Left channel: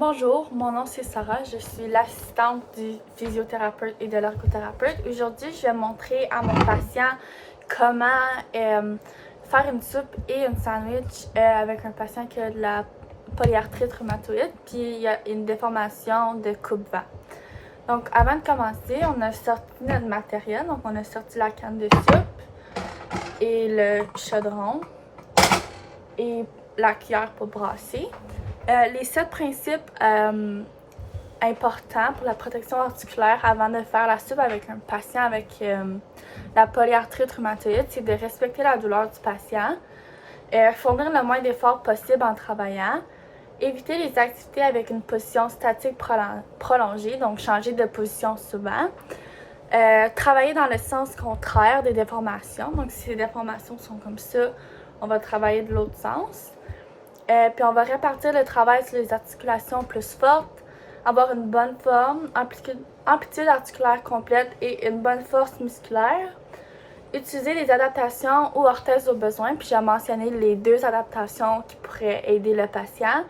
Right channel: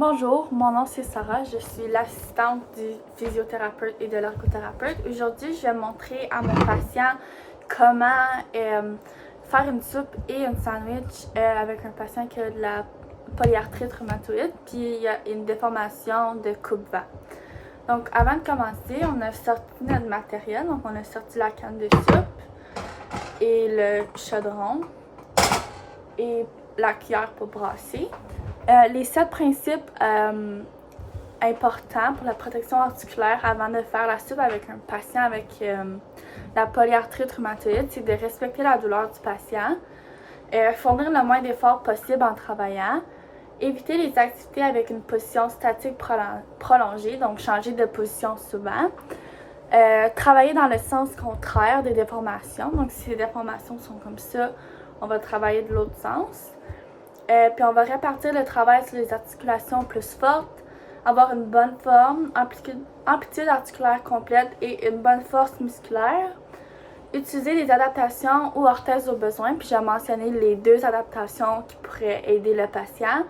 Bonjour, mon nom c'est Sarah, je suis l'assistante du physiothérapeute et de l'ergothérapeute. Aujourd'hui, je vais montrer à mon patient comment faire une soupe et une sandwich avec un patient qui a de la polyarthrite rhumatoïde, puis il y a une déformation de coupe-vent. Donc, avant de commencer, on a sorti notre matériel. Donc, on a sorti la canne de soupe et le chaudron et la cuillère pour brasser. Les 7 principes importants pour la protection articulaire avant de faire la soupe avec un patient avec la polyarthrite rhumatoïde, c'est de respecter la douleur du patient, fournir le moins d'efforts possible en travaillant, éviter les activités avec une position statique prolongée, donc changer de position souvent, travailler dans le sens contraire des déformations, donc si les déformations sont comme ça, on va travailler de l'autre sens. Puis on va répartir le travail sur les articulations plus fortes, avoir une bonne forme, amplitude articulaire complète et une bonne force musculaire. Utiliser les adaptations ou orthèses au besoin, puis j'ai mentionné les 2 adaptations qui pourraient aider le patient.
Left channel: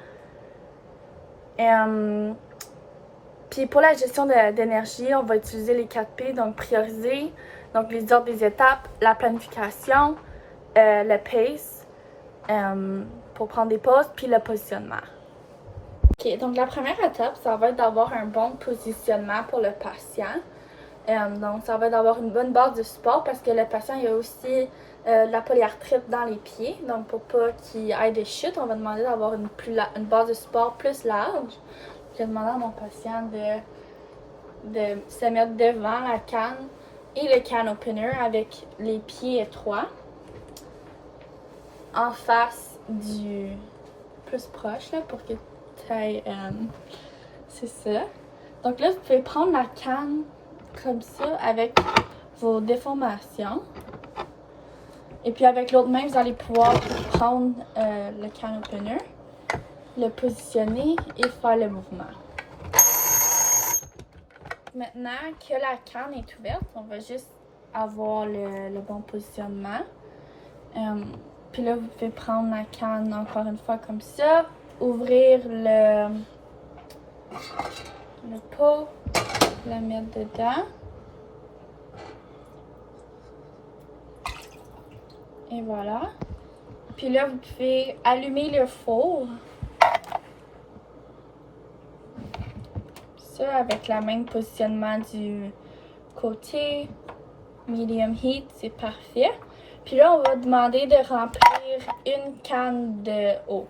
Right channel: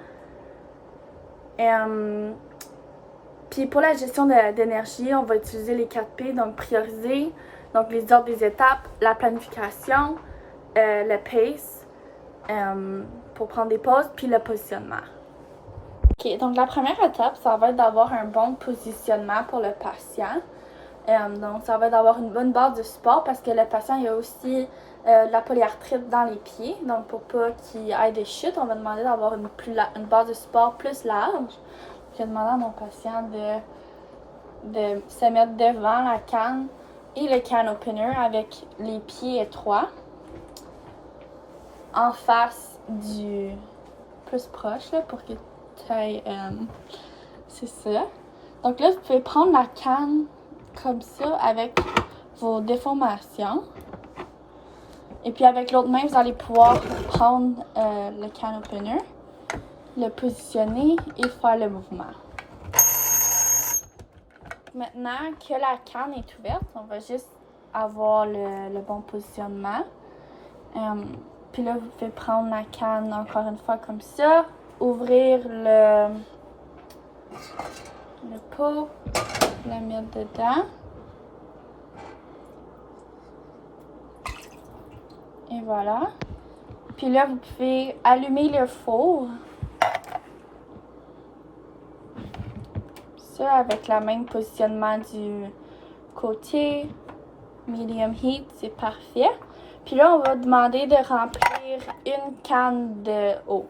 Puis pour la gestion d'énergie, on va utiliser les 4 P, donc prioriser, donc les ordres des étapes, la planification, le pace, pour prendre des pauses, puis le positionnement. Ok, donc la première étape, ça va être d'avoir un bon positionnement pour le patient. Donc ça va être d'avoir une bonne base de support parce que le patient il a aussi de la polyarthrite dans les pieds. Donc pour pas qu'il ait des chutes, on va demander d'avoir une base de support plus large. Je vais demander à mon patient de se mettre devant la canne et le can opener avec les pieds étroits. En face du plus proche là, pour que tu ailles, c'est ça. Donc là, vous pouvez prendre la canne comme ça avec vos déformations. Et puis avec l'autre main, vous allez pouvoir prendre le can opener, le positionner et faire le mouvement. Maintenant que la canne est ouverte, on va juste avoir le bon positionnement. Puis là, vous pouvez prendre la canne encore une fois comme ça, ouvrir le pot, le mettre dedans. Et voilà. Puis là, vous pouvez allumer le four. Ça, avec le même positionnement du côté. Medium heat, c'est parfait. Puis là, on va demander de remplir une canne d'eau.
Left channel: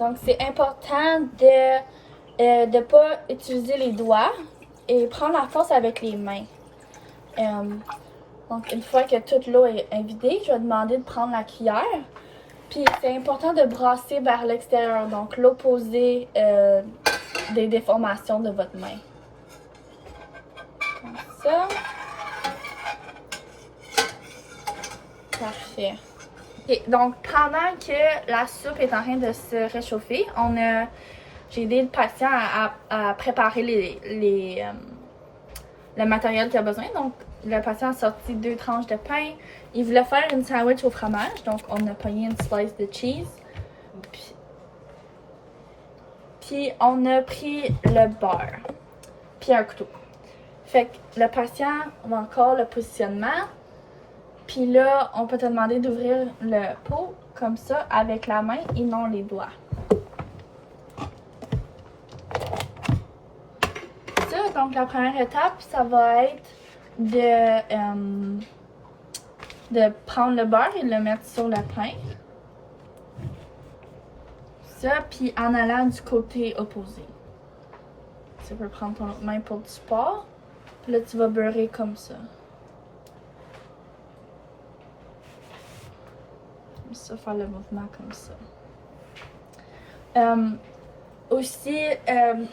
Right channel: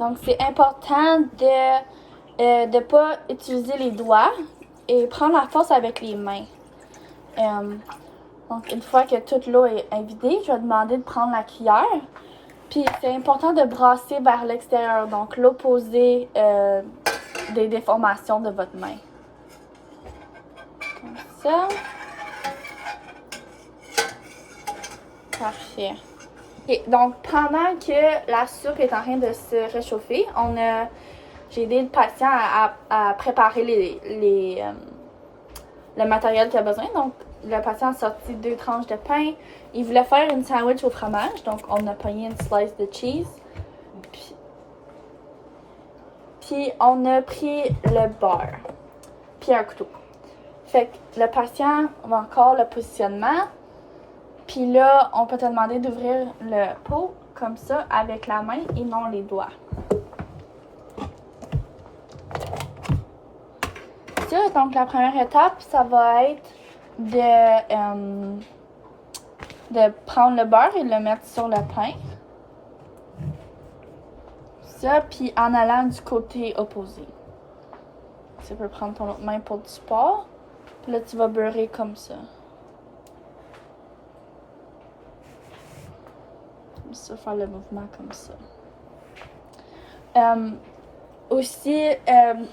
Donc, c'est important de ne pas utiliser les doigts et prendre la force avec les mains. Donc, une fois que toute l'eau est vidée, je vais demander de prendre la cuillère. Puis, c'est important de brasser vers l'extérieur, donc l'opposé des déformations de votre main. Comme ça. Parfait. Okay, donc, pendant que la soupe est en train de se réchauffer, j'ai aidé le patient à préparer le matériel qu'il a besoin. Donc, le patient a sorti 2 tranches de pain. Il voulait faire une sandwich au fromage. Donc, on a pogné une slice de cheese. Puis on a pris le beurre. Puis un couteau. Fait que le patient va encore le positionnement. Puis là, on peut te demander d'ouvrir le pot comme ça avec la main et non les doigts. Ça, donc la première étape, ça va être de prendre le beurre et de le mettre sur le pain. Ça, puis en allant du côté opposé. Tu peux prendre ton autre main pour du support. Puis là, tu vas beurrer comme ça. Ça, faire le mouvement comme ça. Aussi,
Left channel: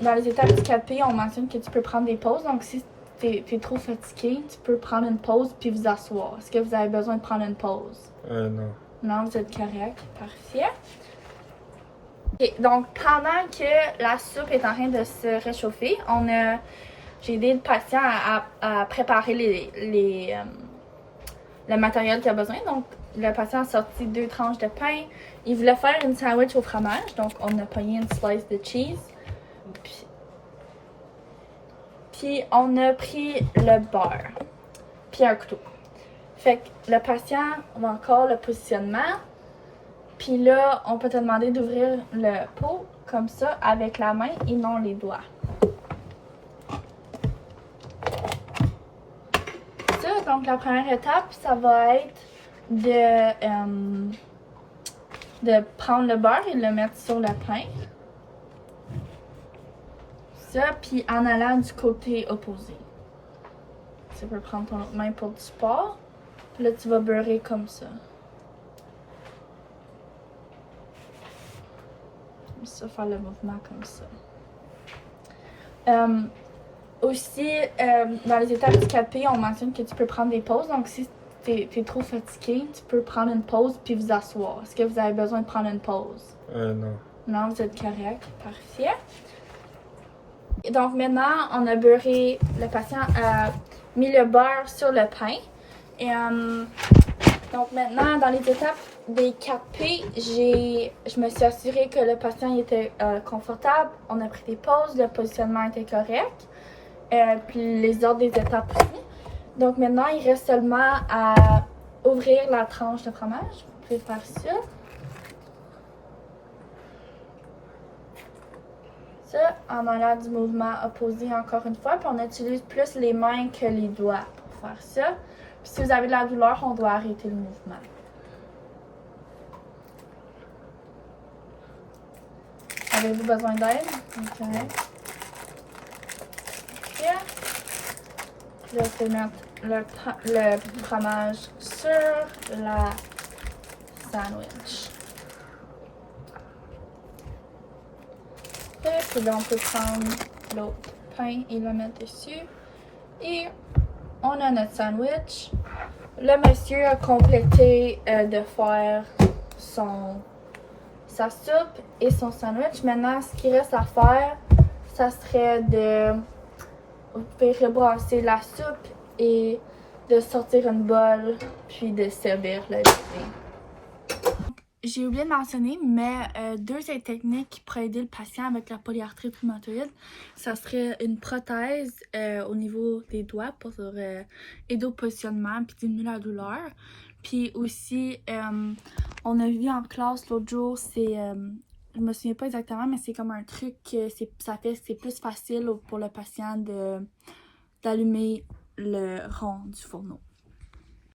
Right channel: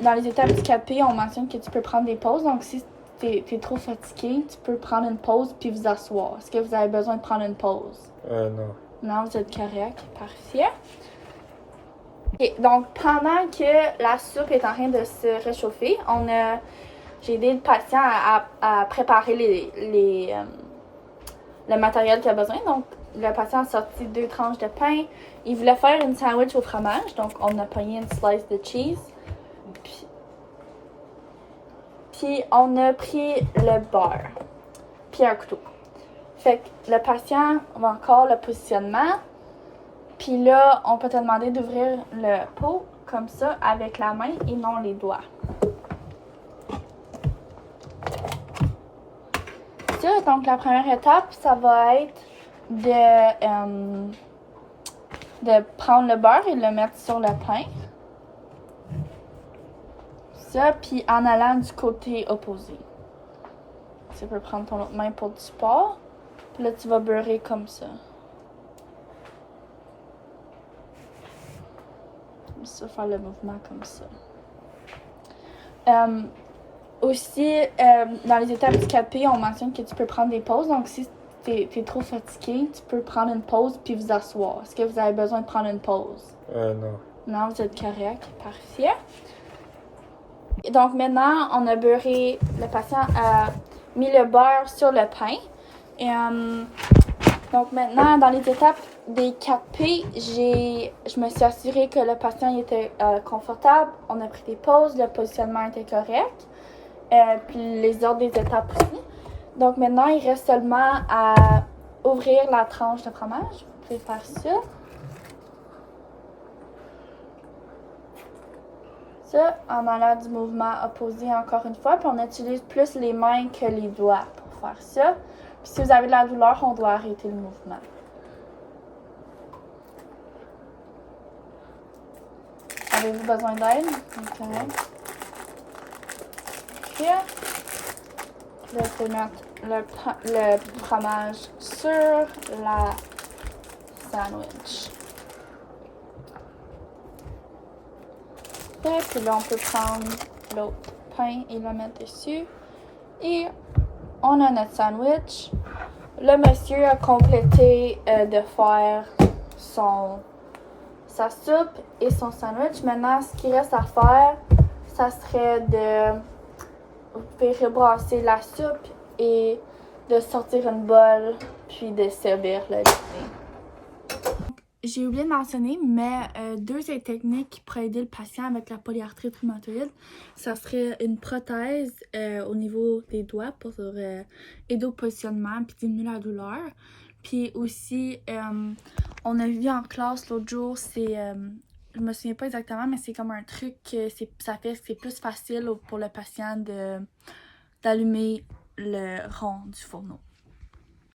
dans les étapes du capé, on mentionne que tu peux prendre des pauses. Donc, si t'es trop fatigué, tu peux prendre une pause puis vous asseoir. Est-ce que vous avez besoin de prendre une pause? Non. Non, vous êtes correct. Parfait. Okay, donc, pendant que la soupe est en train de se réchauffer, j'ai aidé le patient à préparer le matériel qu'il a besoin. Donc, le patient a sorti 2 tranches de pain. Il voulait faire une sandwich au fromage, donc on a pogné une slice de cheese. Puis on a pris le beurre, puis un couteau. Fait que le patient va encore le positionnement. Puis là, on peut te demander d'ouvrir le pot comme ça avec la main et non les doigts. Ça, donc la première étape, ça va être de prendre le beurre et de le mettre sur le pain. Ça, puis en allant du côté opposé. Tu peux prendre ton autre main pour du support. Puis là, tu vas beurrer comme ça. Ça, faire le mouvement comme ça. Aussi, dans les étapes du 4P, on mentionne que tu peux prendre des pauses. Donc, si t'es trop fatigué, tu peux prendre une pause puis vous asseoir. Est-ce que vous avez besoin de prendre une pause? Non. Non, vous êtes correct. Parfait. Et donc, maintenant, on a beurré. Le patient a mis le beurre sur le pain. Et, donc, maintenant, dans les étapes des 4P, je me suis assurée que le patient était confortable. On a pris des pauses. Le positionnement était correct. Puis les autres des étapes aussi. Donc maintenant, il reste seulement à ouvrir la tranche de fromage. Vous pouvez faire ça. Ça, en allant du mouvement opposé encore une fois. Puis on utilise plus les mains que les doigts pour faire ça. Puis si vous avez de la douleur, on doit arrêter le mouvement. Avez-vous besoin d'aide? Okay. Là, je vais mettre le fromage sur la sandwich. Puis là, on peut prendre l'autre pain et le mettre dessus. Et on a notre sandwich. Le monsieur a complété de faire sa soupe et son sandwich. Maintenant, ce qui reste à faire, ça serait de rebrasser la soupe et de sortir une bolle, puis de servir le dîner. J'ai oublié de mentionner, mais 2 techniques qui pourraient aider le patient avec la polyarthrite rhumatoïde, ça serait une prothèse au niveau des doigts pour aider au positionnement puis diminuer la douleur. Puis aussi, on a vu en classe l'autre jour, je me souviens pas exactement, mais c'est comme un truc que ça fait que c'est plus facile pour le patient d'allumer le rond du fourneau.